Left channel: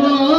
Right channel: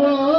যাব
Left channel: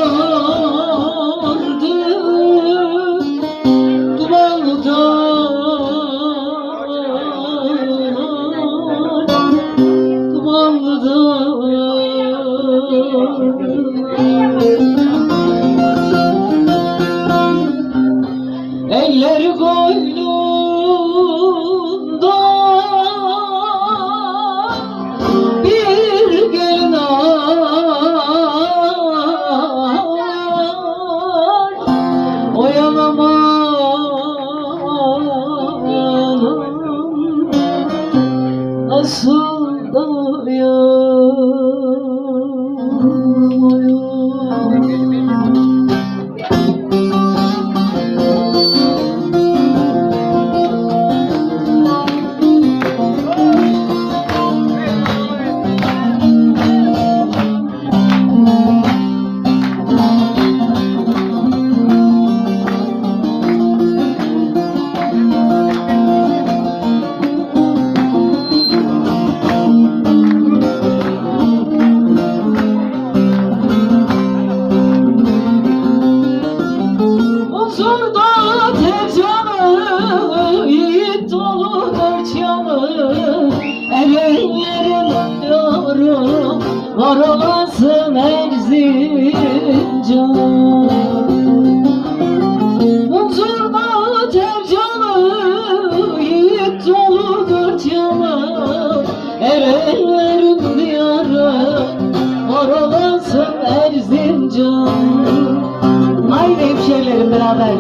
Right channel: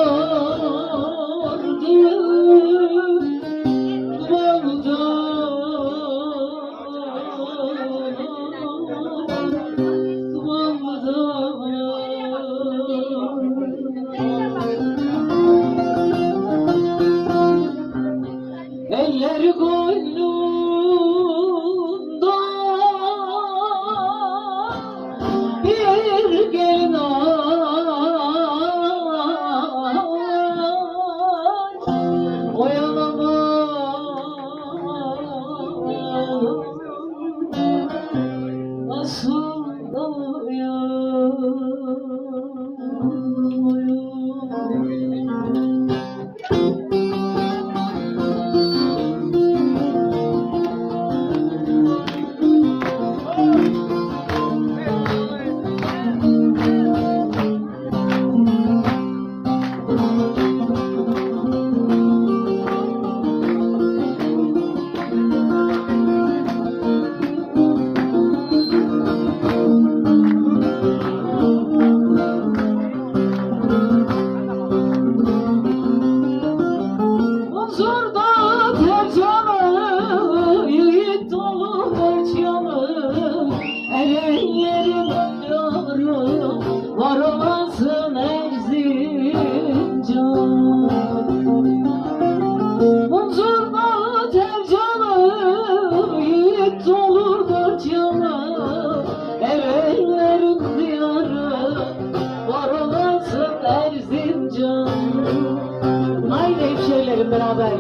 beraber.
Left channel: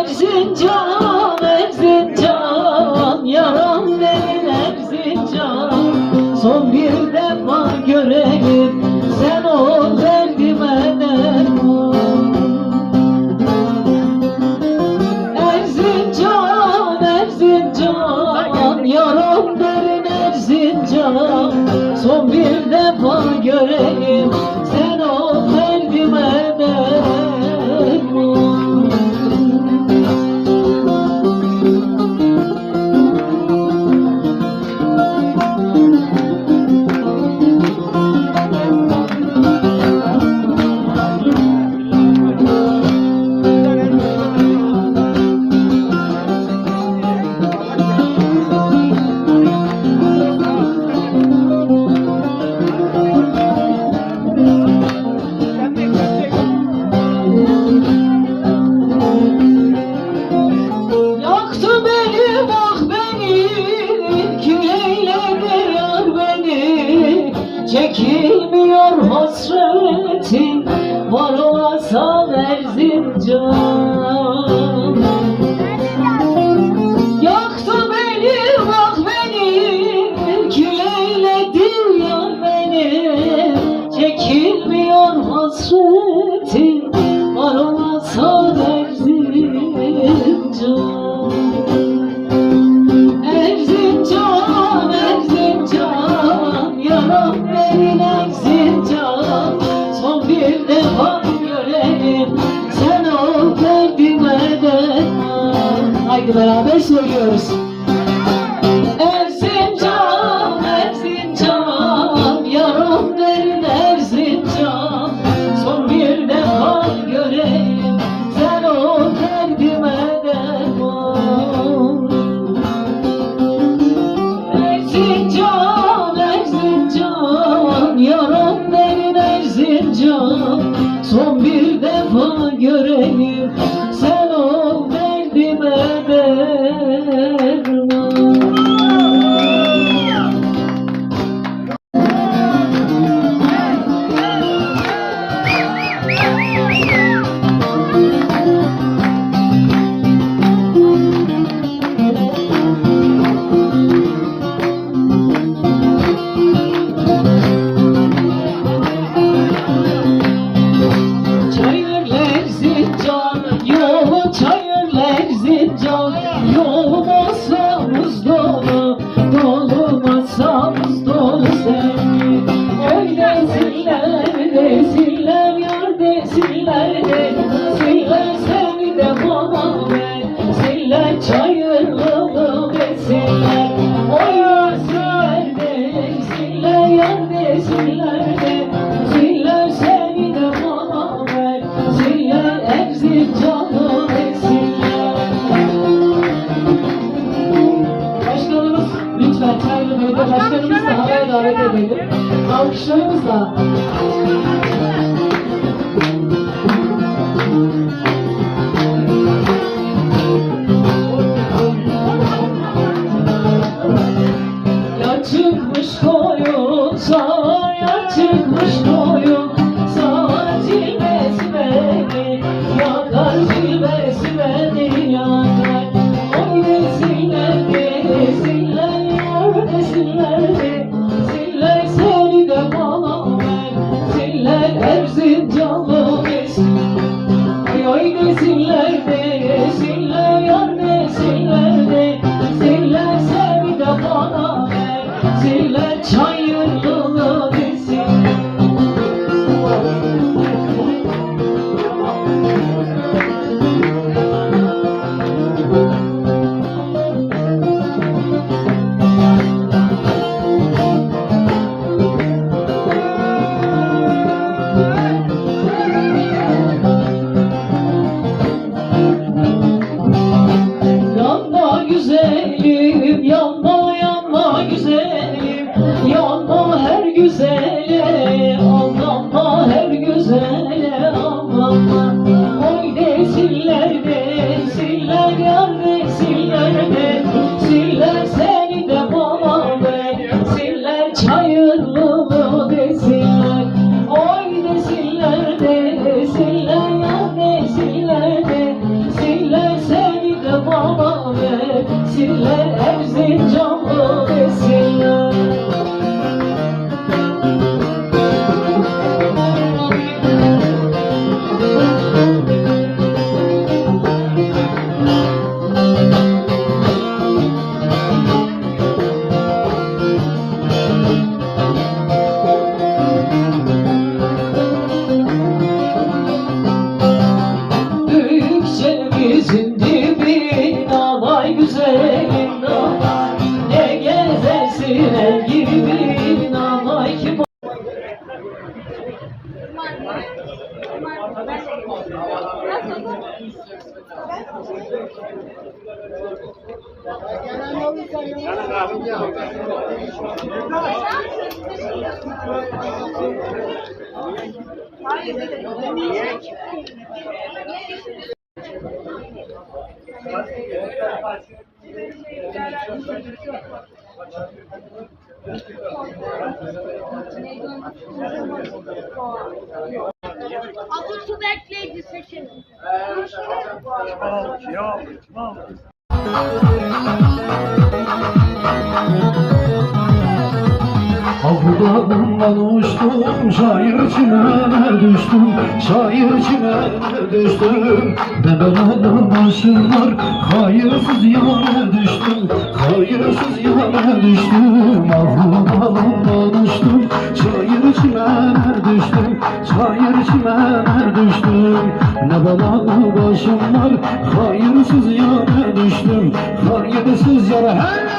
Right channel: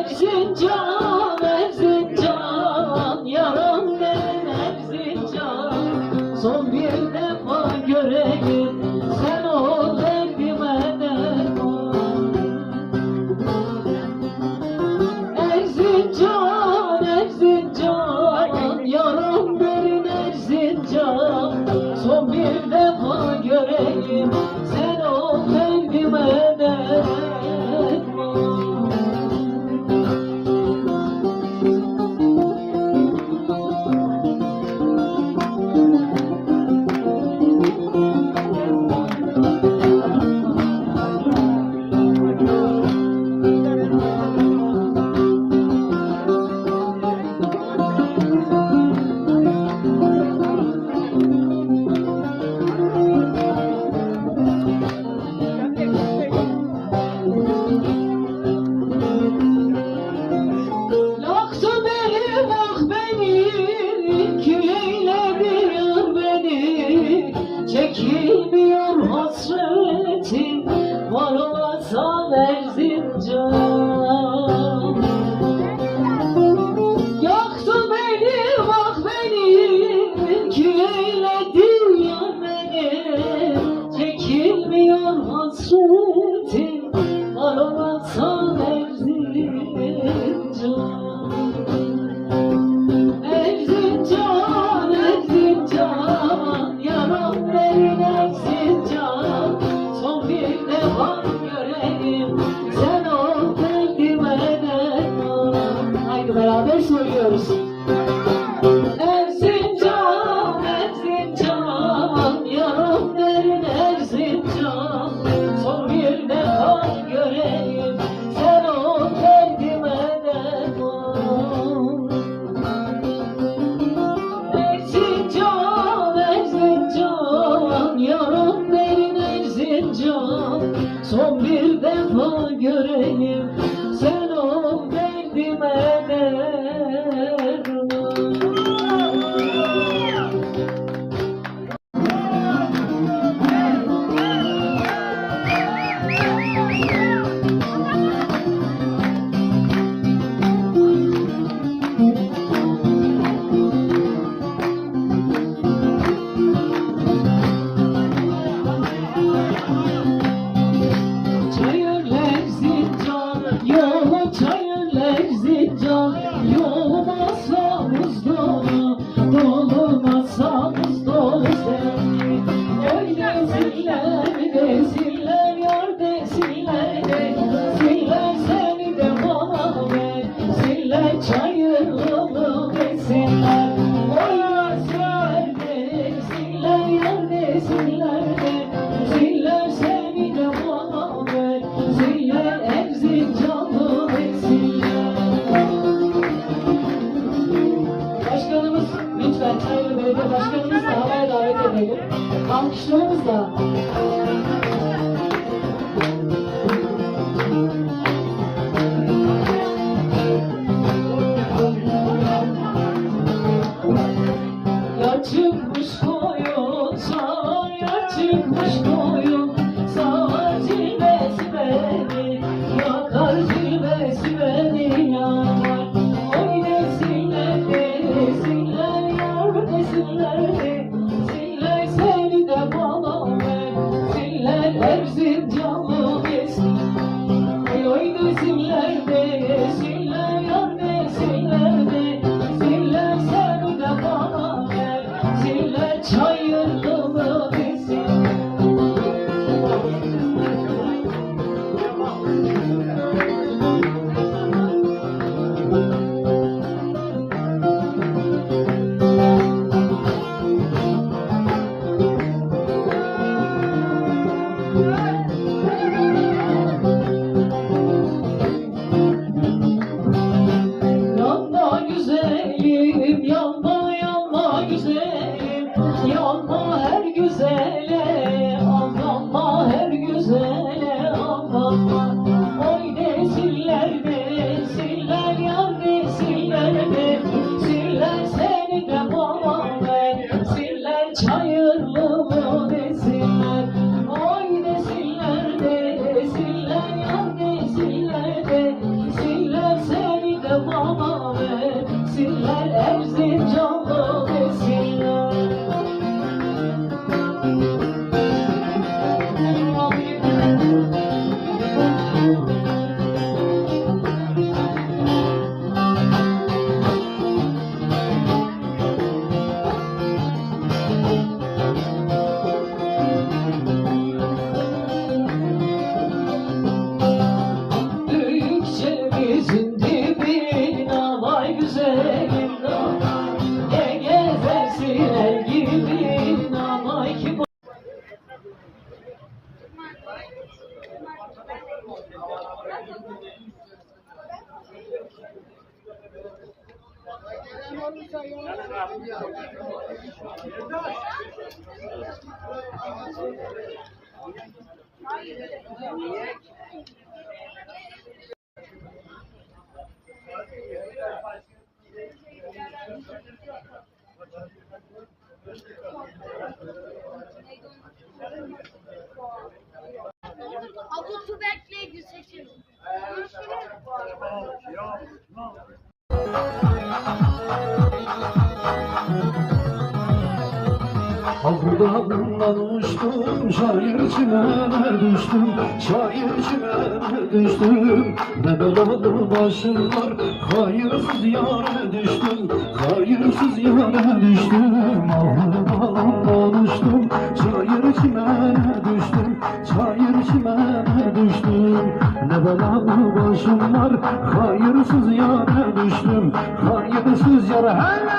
Erzincan, beraber söylüyoruz. Azı su bekleyici seçim. Havlularından uçtum, şair çimene düştüm, şair çimene düştüm. Ne belalı başım var, hayırsız yara düştüm, hayırsız yara düştüm. Havlularından uçtum, düştüm, şair çimene düştüm. Ne belalı başım var, hayırsız yara düştüm, hayırsız yara. Hele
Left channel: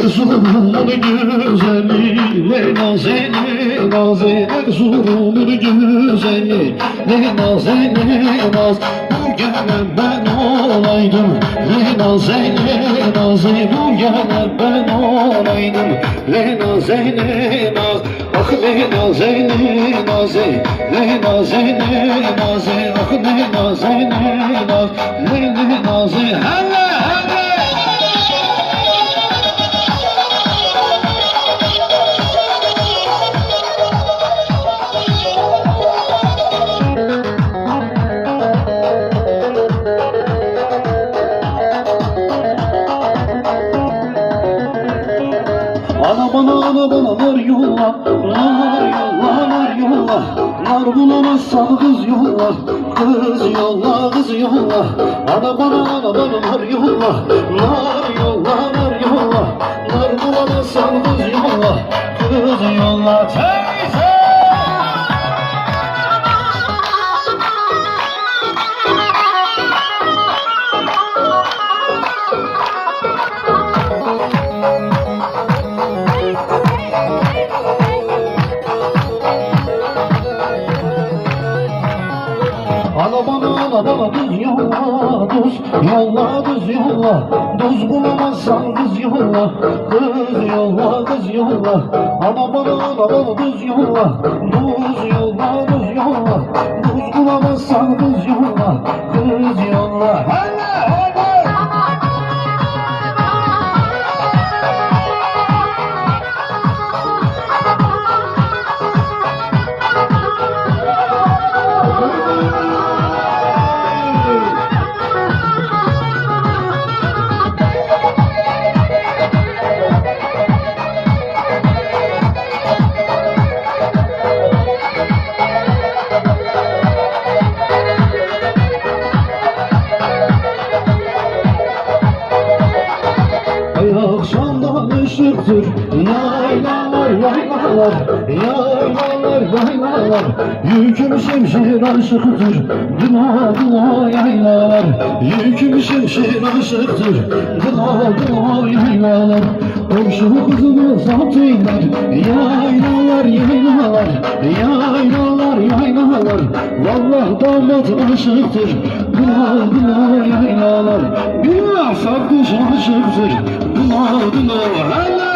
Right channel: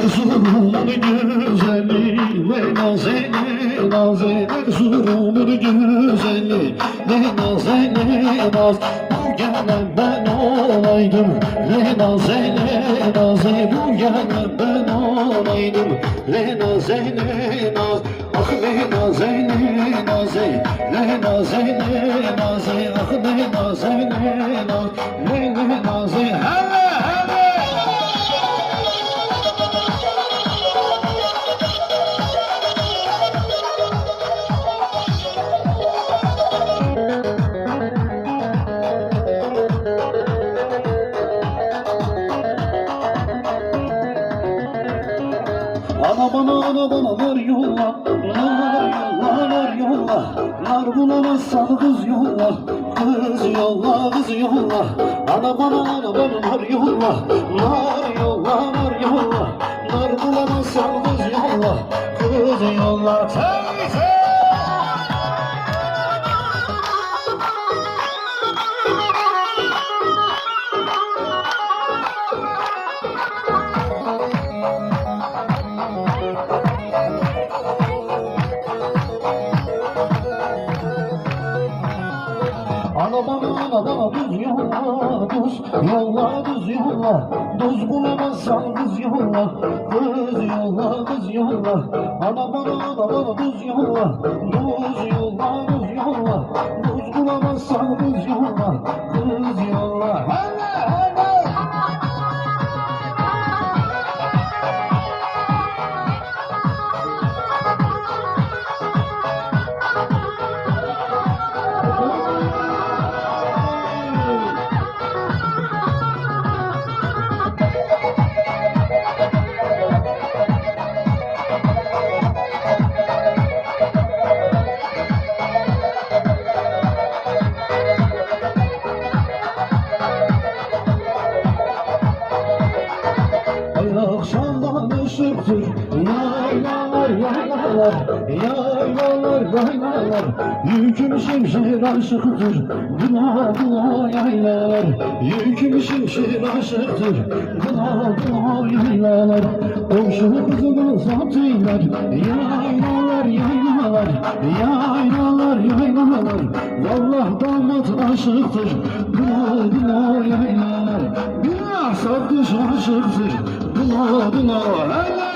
Erzurum'un güzeli ne nazeli naze Erzurum'un güzeli ne nazeli naz. Bu gelen ben olaydım ne nazeli naze Bu gelen ben olaydım ne nazeli naz. Ah ne naze ne naze Ne naze ne naze. Ah ne naze ne naze Ne ne naze. Hele hele Ana bana ana bana nar yolla Nar yolla nar yolla. Nar bulamazsan kız yolla. Kız yolla kız yolla. Ana bana ana bana nar yolla Nar yolla. Nar yolla Nar bulamazsan kız yolla. Kız yolla. Teyze yolla Düz bulamazsan kız yolla Kız yolla kız yolla Ana bana ana bana düz yolla aşıktır Dına dına yaylalar Yüküm şimşir aşıktır Dına dına yaylalar Komşu kızımı satıylar Yaylalar yaylalar Yaylalar yaylalar. Vallahi damat aşıktır Dına dına yaylalar Bir sarkış aşıktır Dına dına hele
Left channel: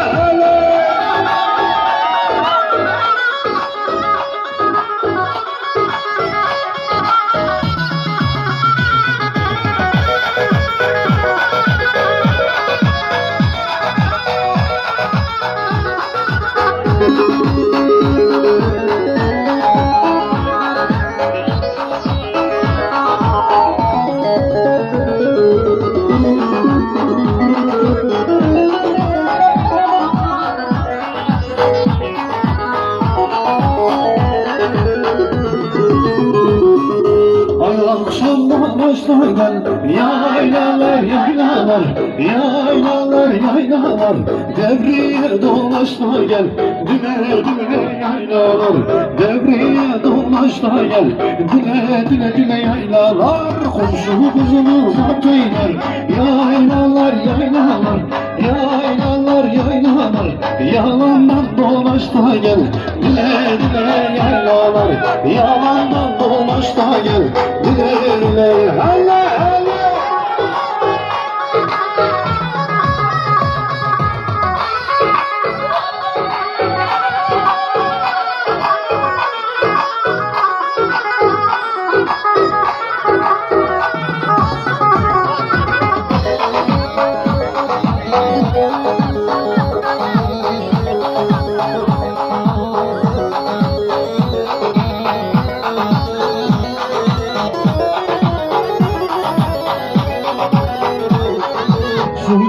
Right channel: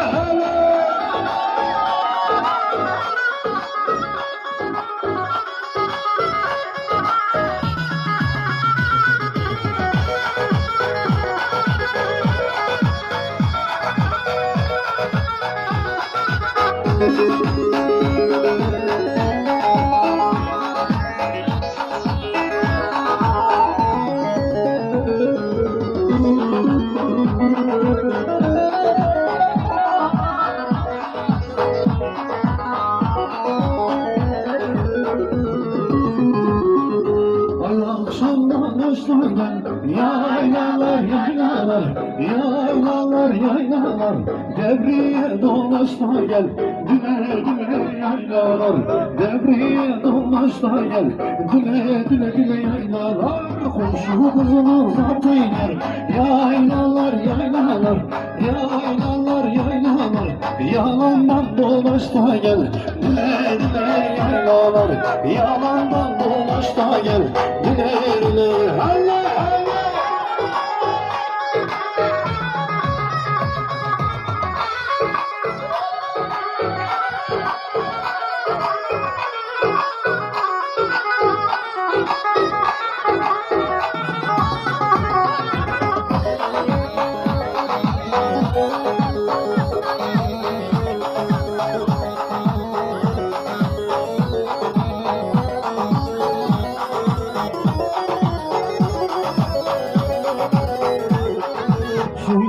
yaylalar yaylalar Yaylalar yaylalar. Devriye dolaşma gel Düne düne yaylalar. Devriye dolaşma gel Düne düne düne yaylalar. Komşu kızını zatıylar Yaylalar yaylalar Yaylalar yaylalar. Yalandan dolaşma gel Düne düne yaylalar. Yalandan dolaşma gel Düne düne hele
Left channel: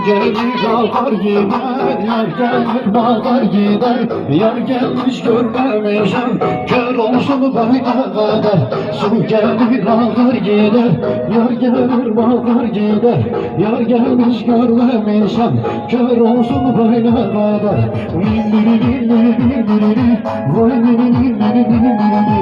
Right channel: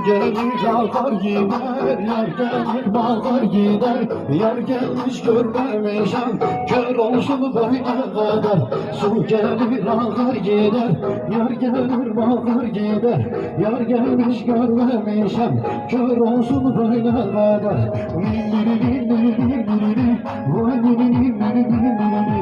gelir akar gider, yar gelir bakar gider Yar gelmiş görmemişim, kör olsun böyle kadar Su gelir akar gider, yar gelir bakar gider Yar gelmiş görmemişim, kör olsun böyle kadar min min min min min Vay min min min min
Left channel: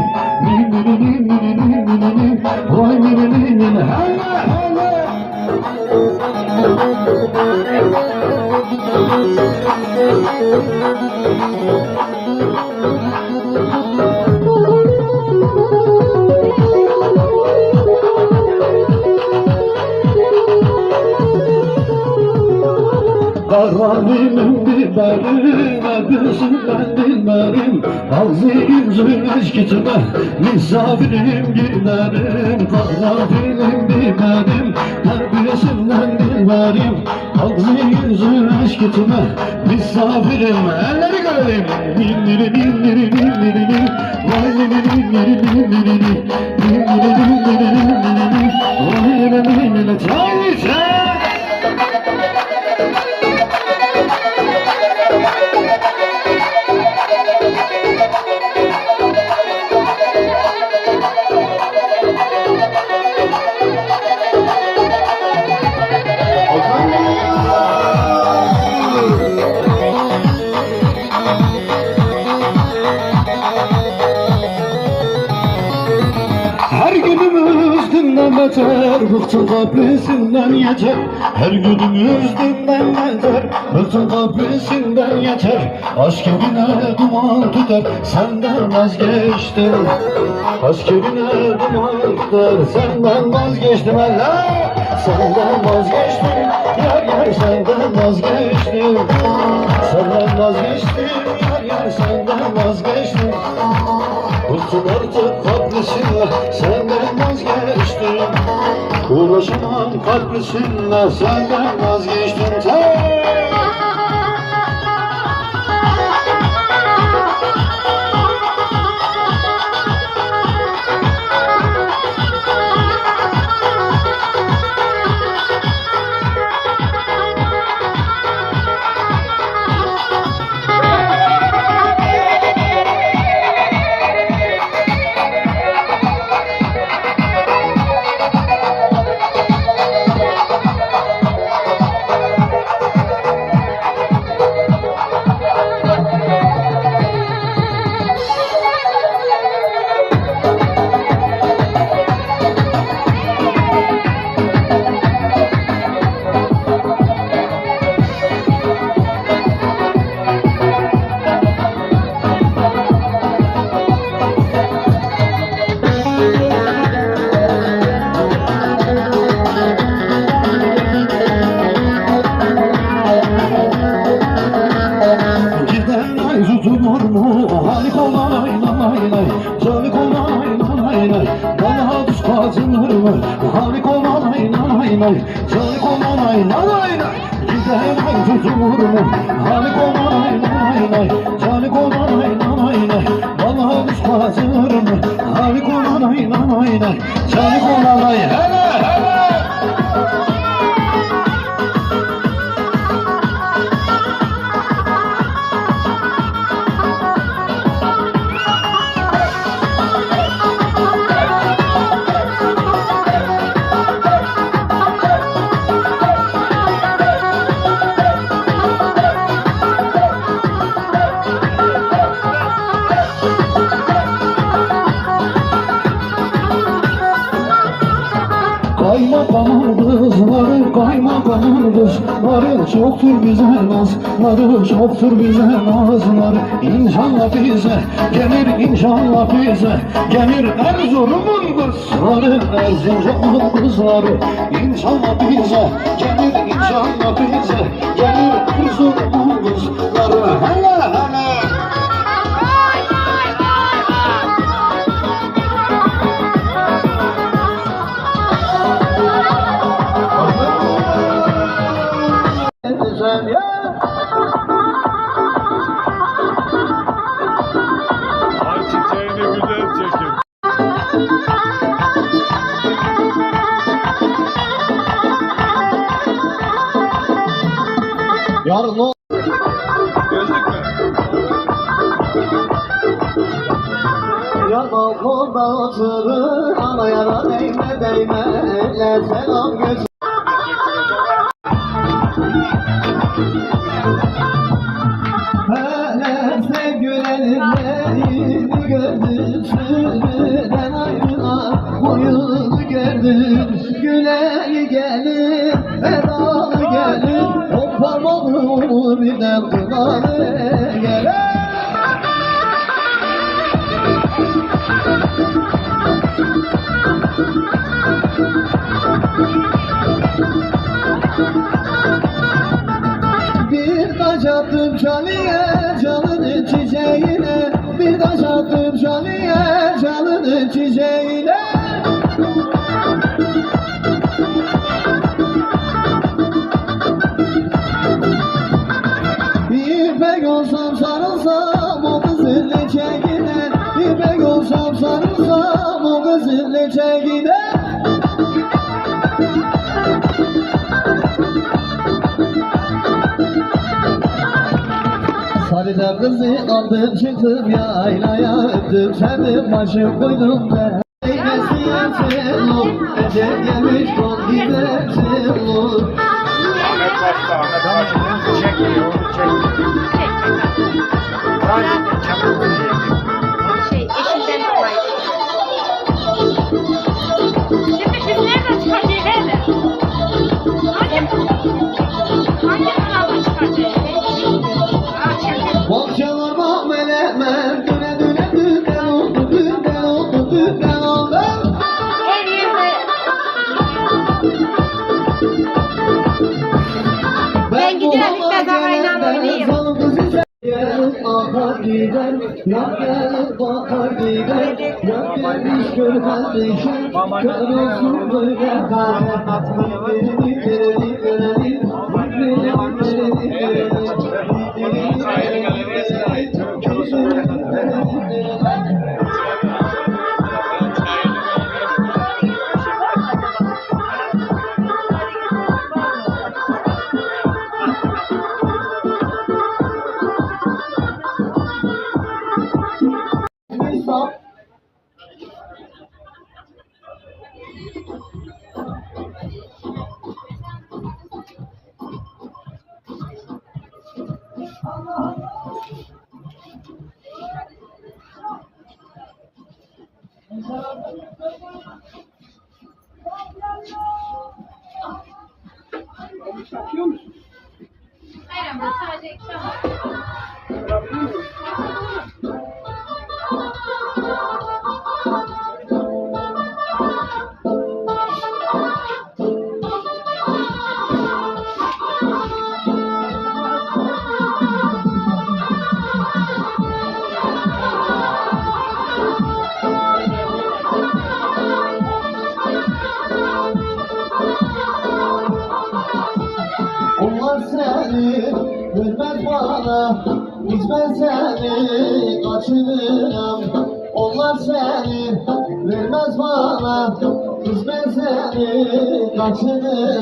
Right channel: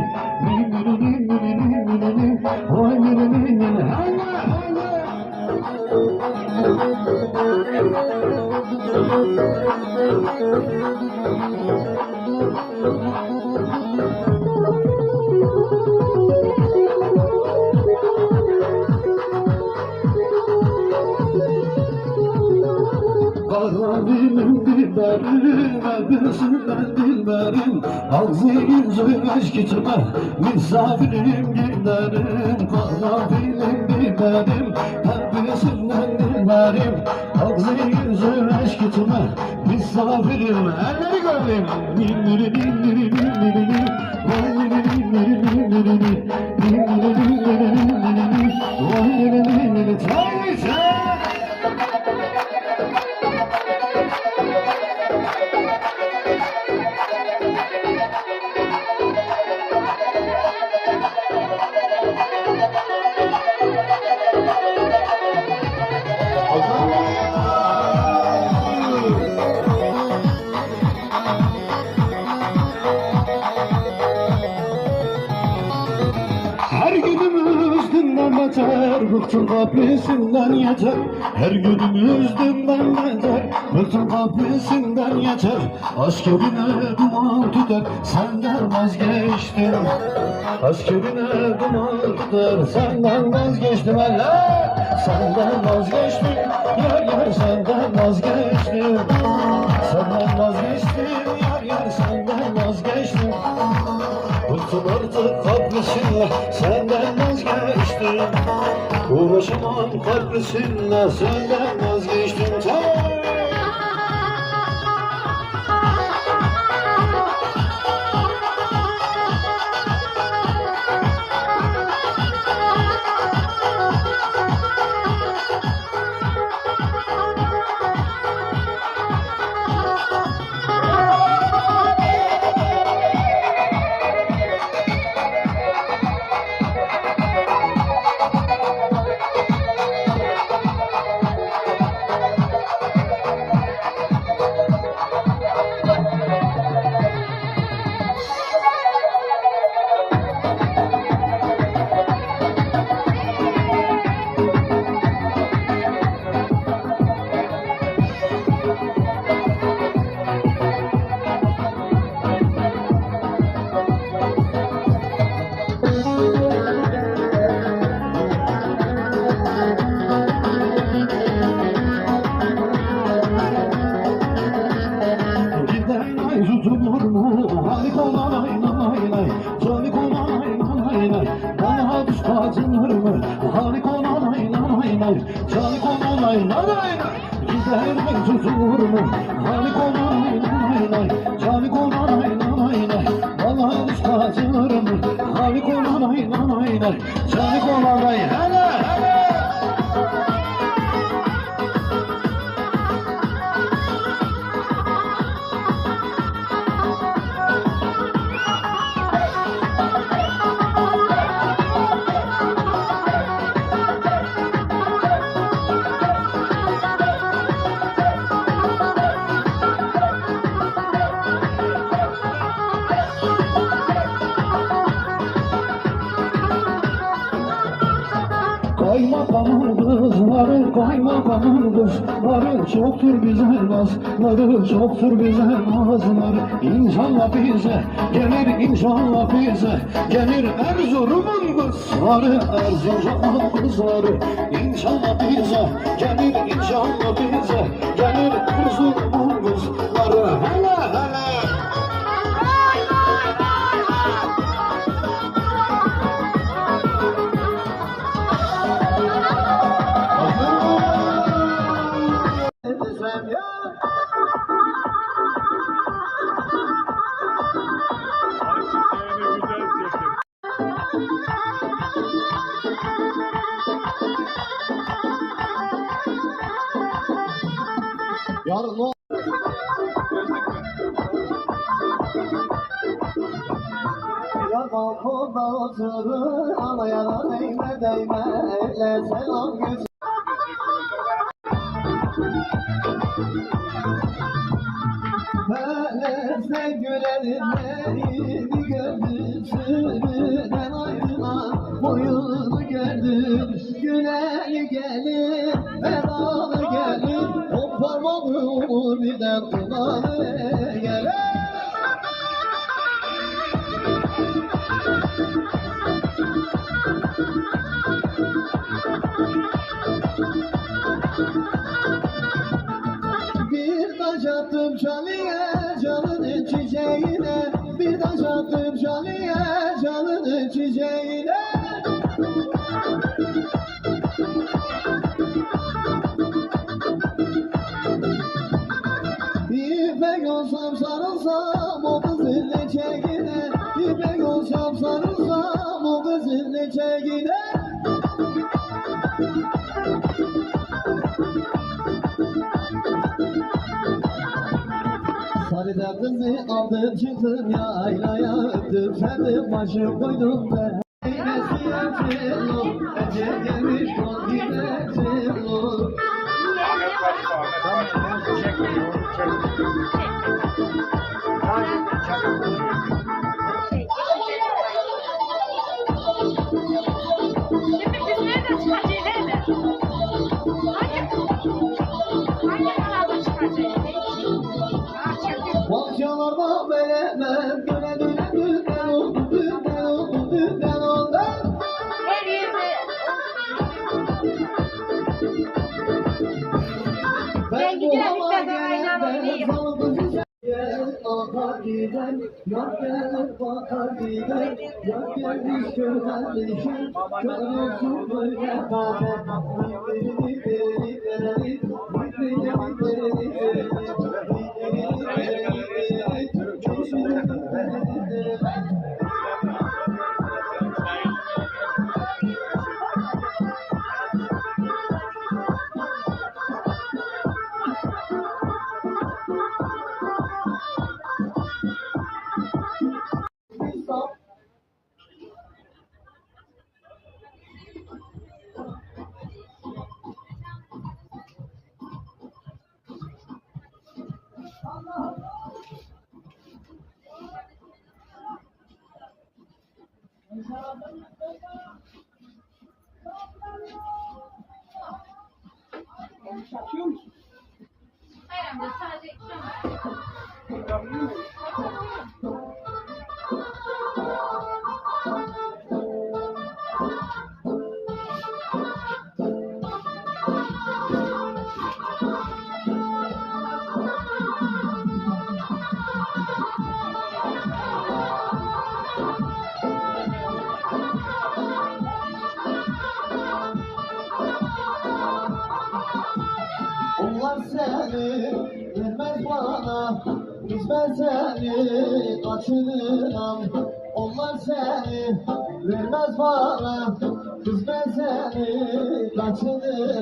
Misafirim biberim Öpüsünden dilberim Ağzı yüzü eşk içime Misafirim giderim. Karanfilim biberim Öpüsünden dilberim Ağzı yüzü eşk içime Misafirim Elleri görelim Nilleri nilleri nilleri nil Vay nilleri nilleri nilleri nil Nilleri nilleri nilleri nil Vay nilleri nilleri Çay içe dünden beter Bıktım kapısından yeter. Her günümüz dünden beter Bıktım kapısından yeter. Aşk evine duman tutar Senden vazgeçtim. Aşk evine duman tutar Senden vazgeçtim. Allah Senden vazgeçtim. Yar yar senden vazgeçtim. Senden vazgeçtim Yar yar senden vazgeçtim. Bıktım artık kaprisinle vazgeçtim Uğraşamam kaprisinle senden vazgeçtim. Sen Bana düş kaçınır mı? Halik olay lay lay Calik olay lay lay Giden ay tutulur mu? Halik olay lay lay Calik olay lay lay Bana düş kaçınır mı? Halik olay lay lay Calik kızları Çoktur bize nazları, çoktur bize nazları İnşallah bize gelir, inşallah bize gelir. Erzurum'un kızları, Erzurum'un kızları. İnşallah bize gelir, inşallah bize gelir. Erzurum'un değme değme Le selam göz olsam sarılsam o kızın çekine İpek olsam sarılsam o kızın çekine Sarıda kızı aldım çıktım yaylaya öptüm Sevdim başım koydum ben Eylesi yersin ol Ecel gelmiş kol gidersin ol Ahmet Başta, Ahmet Başta. Çekmiyor, çekmiyor. sadece çapulcu yiyecek. Gelip bakar gider, yar gelmiş gör kardeşim, kör olsun böyle kader. Gidelim, gidelim, Bayramda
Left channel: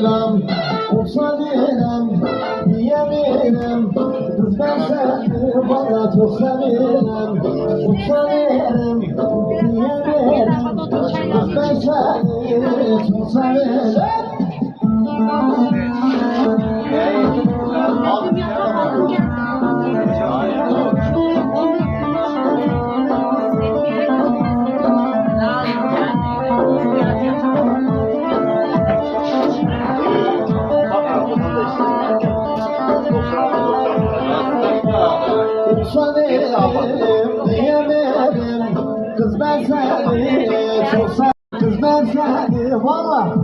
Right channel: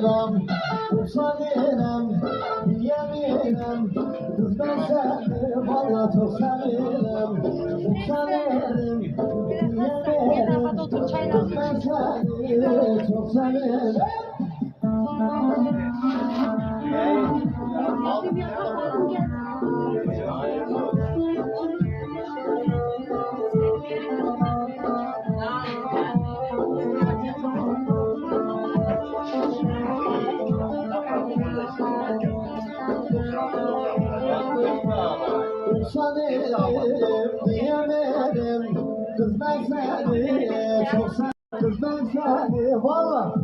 kaçırırım Usanırım diyemirim Kız ben seni valla çok severim. Usanırım diyemirim Kız ben seni çok severim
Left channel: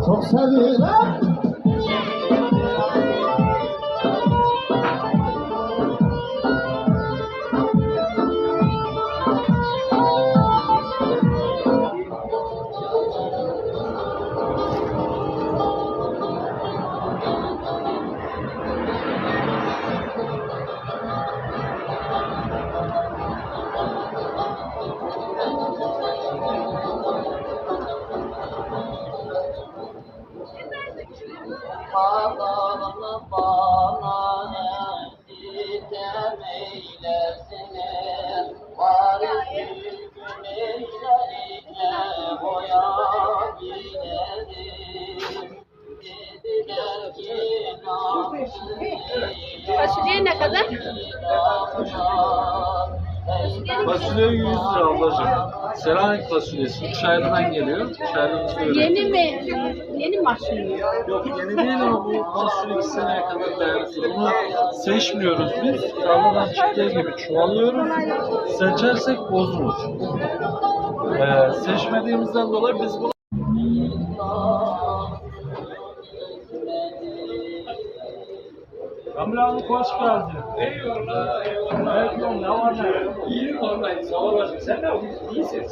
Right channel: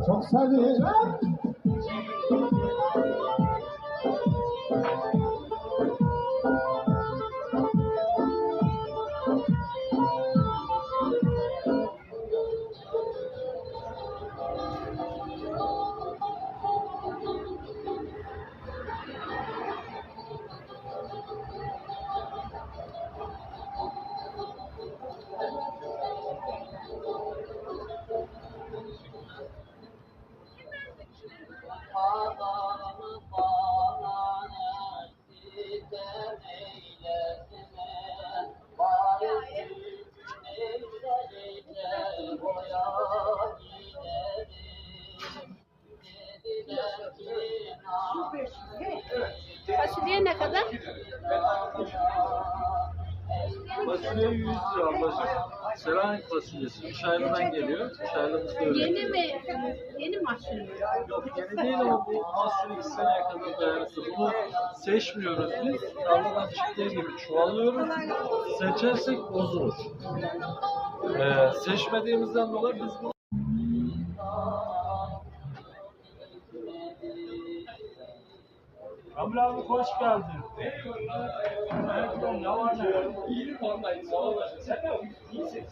Força Dışarıdan geliyor. Dışarıdan söylüyor. Yeni mi? Yeni açılıyor? Yok yeni değil ama bu fasulye 2 seneye kadar dayanıklı. Bunu seçmiyoruz biz. Tarladan çıktığı gibi çuvalıyoruz. Seçersek bozulur. Ee, seçmediğimizden dolayı biz bunu Kamil abi hoş geldin. Eyvallah, eyvallah. Evet, oğlum, ne var ne? İyiyim vallahi, sağ olasın. Sen de iyisin.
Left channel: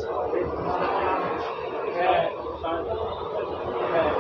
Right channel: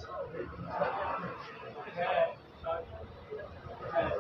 He, Evet.